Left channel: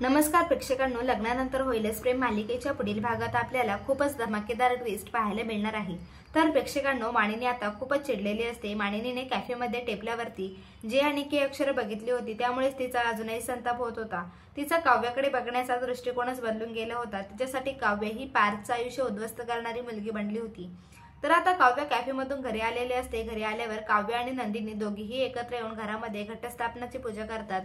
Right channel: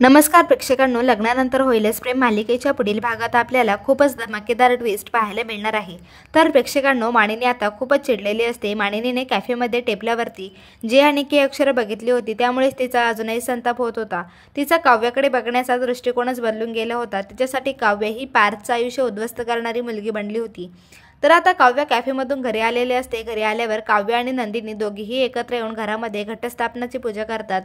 नमस्कार प्रेक्षकांनो, लग्नानंतर होईलच प्रेम मालिकेच्या पुढील भागात आपल्याला खूपच धमाकेदार ट्विस्ट पाहायला मिळणार आहे। तर प्रेक्षकांनो, मानिनी आता खूपच चिडलेली असते। मानिनीने कॅफेमध्ये टेबलावरती जे आणि के अक्षर बघितली होती, त्यामुळेच तिचा अजूनही संताप होत होता। तिचा काव्याकडे बघण्याचा दृष्टिकोनच बदलून गेला होता। तिच्यासाठी काव्य ही पार्थचं आयुष्य उद्ध्वस्त करणारी मुलगी बनली होती। तर आता काव्य कॅफेमधून घरी आलेले असते। घरी आल्यावर काव्य आणि नंदिनी दोघीही एकत्र येऊन घरामध्ये घटस्थापनाची पूजा करतात।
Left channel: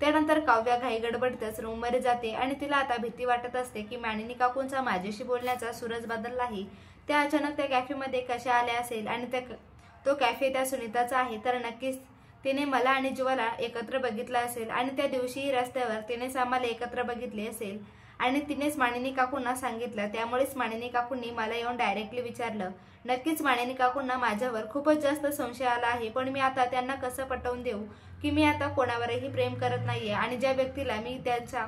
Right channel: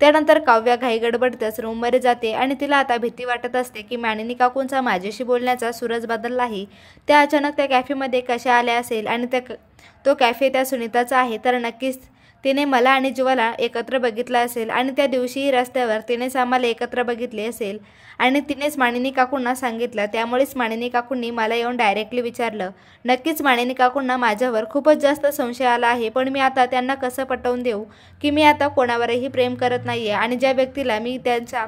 त्यानंतर काव्य घाई गडबडतच रूममध्ये जाते आणि तिला आता भीती वाटत असते की मानिनी काकूंचा माझ्याशी बोलण्याचा सूरच बदलला आहे। त्या अचानक त्या कॅफेमध्ये कशा आल्या असेल आणि तो कॅफे त्या सुनीताचा आहे, तर नक्कीच तिने मला आणि जीवाला एकत्र बघितलं असेल आणि त्या दिवशीही रस्त्यावर तिनेच आम्हाला एकत्र बघितले असेल आणि तिनेच मानिनी काकूंना सांगितलं। त्यामुळेच मानिनी काकूंनी मला येऊन डायरेक्टली विचारलं। नक्कीच मानिनी काकूंना माझ्यावर खूपच जास्त संशय आला आहे, पण मी आता त्यांना कसं पटवून देऊ की मी आता कोणावरही प्रेम करत नाहीये आणि ज्या व्यक्तीला मी त्यांच्या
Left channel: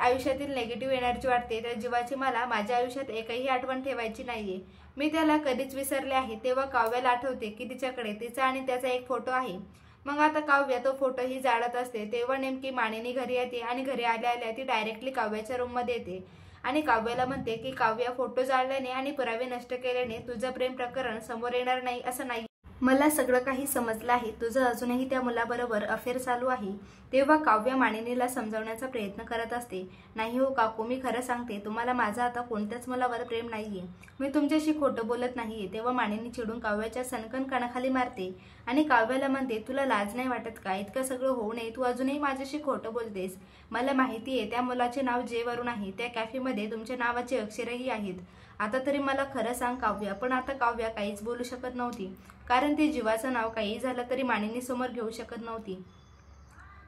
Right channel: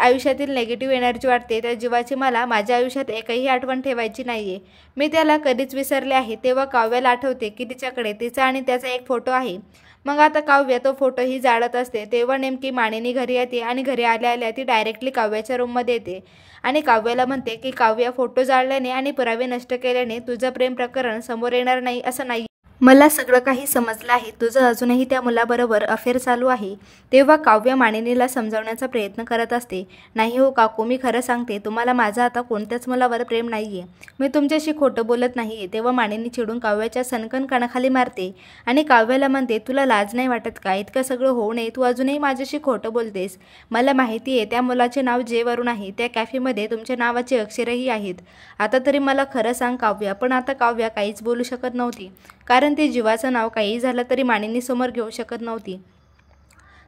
आयुष्यातील नेगेटिव्ह एनर्जी वाटते त्या जीवाची मला माझ्या आयुष्यात एकही आठवण ठेवायची नाहीये। मी त्याला कधीच विसरले आहे। तेव्हा काव्याला आठवते की तिच्याकडे तिचा आणि त्याचा एक फोटो आहे। मग आता काव्य तो फोटोही जाळत असते। तेव्हा नेमकी मानिनी घरी येते आणि घरी आल्या आल्या ती डायरेक्टली काव्याच्या रूममध्ये येते आणि काव्याला म्हणते की काव्य, फोटो जाळल्याने आणि पुरावे नष्ट केल्याने तुझं प्रेम प्रकरण समोर येणार नाही असं नाही। मला सगळं काही समजलं आहे। तुझं अजूनही त्या मुलाबरोबर अफेअर चालू आहे। तेव्हा काव्य मानिनीला समजावण्याचा प्रयत्न करत असते। नाही हो काकू, मी खरं सांगते, तुम्हाला माझं आता कोणत्याच मुलावर प्रेम नाहीये। मी तुमच्याशी खोटं बोलत नाहीये। तेव्हा मानिनी चिडून काव्याच्या सनकन कानाखाली मारते आणि काव्याला म्हणते, तुला लाज नाही वाटत का? इतकं सगळं होऊ नये तू अजूनही माझ्याशी खोटं बोलतेस। मला माहिती आहे त्या मुलाचे नाव जे वरून आहे। त्या कॅफेमध्ये तुमच्या नावाचे अक्षरही आहेत। आता तरी मला खरं सांग काव्य। पण आता काव्य काहीच बोलू शकत नव्हती, कारण ती जीवाचं नाव काही झालं तरी मानिनी समोर घेऊ शकत नव्हती।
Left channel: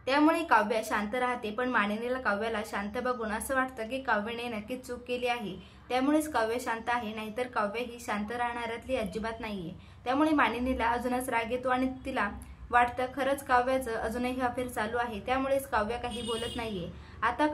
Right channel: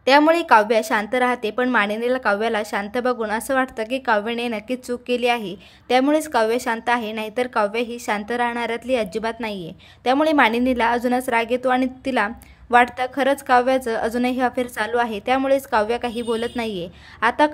त्यामुळे काव्य शांत राहते, पण मानिनीला काव्याला शांत बघून असं वाटतं की काव्याने नक्कीच चूक केली आहे। त्यामुळेच काव्य शांत आहे, नाहीतर काव्य ही शांत राहणाऱ्यातली अजिबात नाहीये। त्यामुळे मानिनीला अजूनच राग येतो आणि तिला वाटतं खरंच काव्याचं अजूनही अफेअर चालू आहे। त्यामुळेच काव्य काही बोलत नाहीये। आता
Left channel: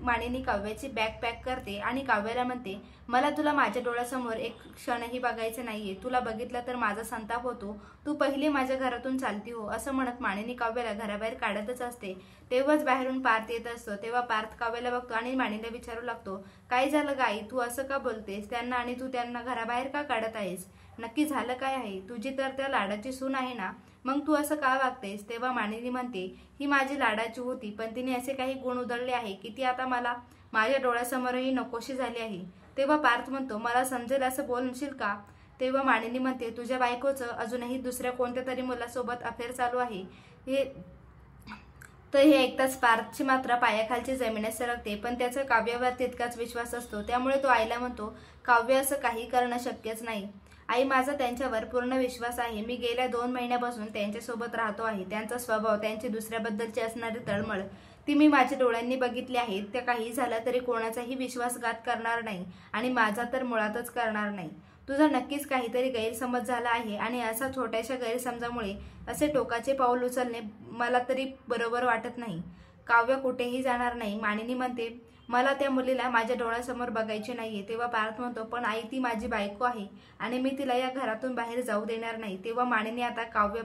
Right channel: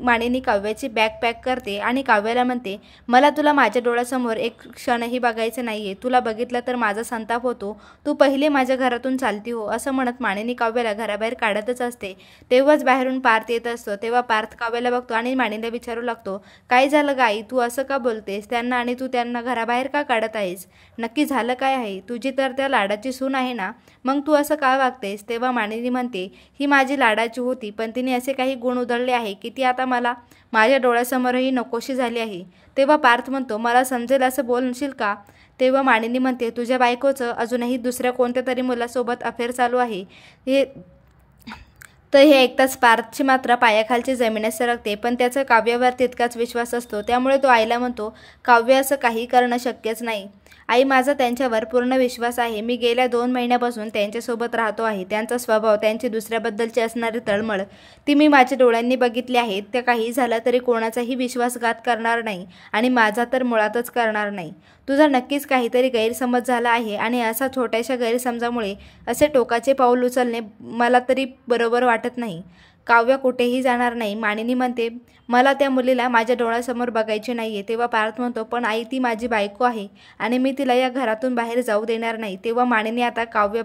मानिनी काव्याची बॅग पॅक करते आणि काव्याला म्हणते, मला तुला माझ्या डोळ्यासमोर एक क्षणही बघायचं नाहीये। तुला बघितलं तर माझा संताप होतो। तू पहिले माझ्या घरातून चालती हो। असं म्हणत मानिनी काव्याला घराबाहेर काढतच असते। तेव्हाच बाहेरून पार्थ येत असतो। तेव्हा पार्थ काव्याला बघतो आणि मानिनीला विचारू लागतो, काय झालं गाई, तू असं का बोलतेस त्यांना आणि तू त्यांना घराबाहेर का काढत आहेस? नक्की झालं काय आहे? तुझी तर त्या लाडाची सून आहे ना, मग तू असं का वागतेस? तेव्हा मानिनी म्हणते, ही माझी लाडाची होती, पण तिने असे काही गुण उधळले आहे की ती आता मला माझ्या डोळ्यासमोरही नकोशी झाली आहे। तेव्हा पार्थ म्हणतो, मला समजेल असं बोलशील का? तेव्हा मानिनी म्हणते, तुझ्या बायकोचं अजूनही दुसऱ्या कोणत्या तरी मुलासोबत अफेअर चालू आहे हे ऐकताच पार्थची मात्र पायाखालची जमीनच सरकते, पण त्याचा काव्यावर तितकाच विश्वास असतो। त्यामुळे तो आईला म्हणतो, काव्य असं काही करणं शक्यच नाही आई, माझा त्यांच्यावर पूर्ण विश्वास आहे। मी गेल्या 2 महिन्यापासून त्यांच्यासोबत राहतो आहे। त्यांचा स्वभाव, त्यांची दुसऱ्याबद्दलची असणारी तळमळ ती मी माझ्या डोळ्यांनी बघितली आहे। त्या काही झालं तरी कोणाचाही विश्वासघात करणार नाही आणि माझा तर मुळातच करणार नाही। तुझा नक्कीच काहीतरी गैरसमज झाला आहे आणि असा छोट्याशा गैरसमजामुळे असे टोकाचे पाऊल उचलणे मला तरी बरोबर वाटत नाही। काव्य कुठेही जाणार नाही। मानिनी म्हणते, मला त्या मुलीला माझ्या डोळ्यासमोर बघायचे नाहीये। तेव्हा पार्थ म्हणतो, पण आई, ती माझी बायको आहे आणि मी तिला या घरातून बाहेर जाऊ देणार नाही। तेव्हा मानिनी आता काव्य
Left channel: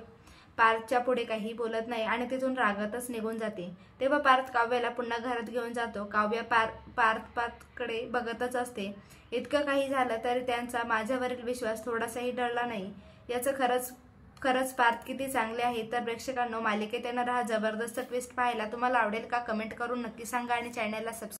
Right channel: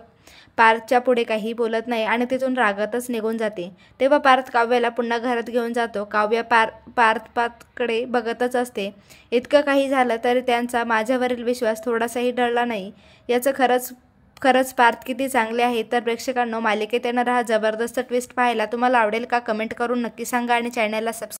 पार्थच्या पुढे काही बोलत नाही आणि तिथून रागातच निघून जाते। तेव्हा पार्थ काव्याला पुन्हा घरात घेऊन जातो। काव्य पार्थकडे बघतच असते। इतकं काही झालं तरी त्यांचा माझ्यावरील विश्वास थोडासाही ढळला नाही। याचं खरंच पार्थ किती चांगले आहे। तर प्रेक्षकांनो, मालिकेत येणारा हा जबरदस्त ट्विस्ट पाहायला तुम्हाला आवडेल का? कमेंट करून नक्की सांगा आणि चॅनलला सबस्क्राईब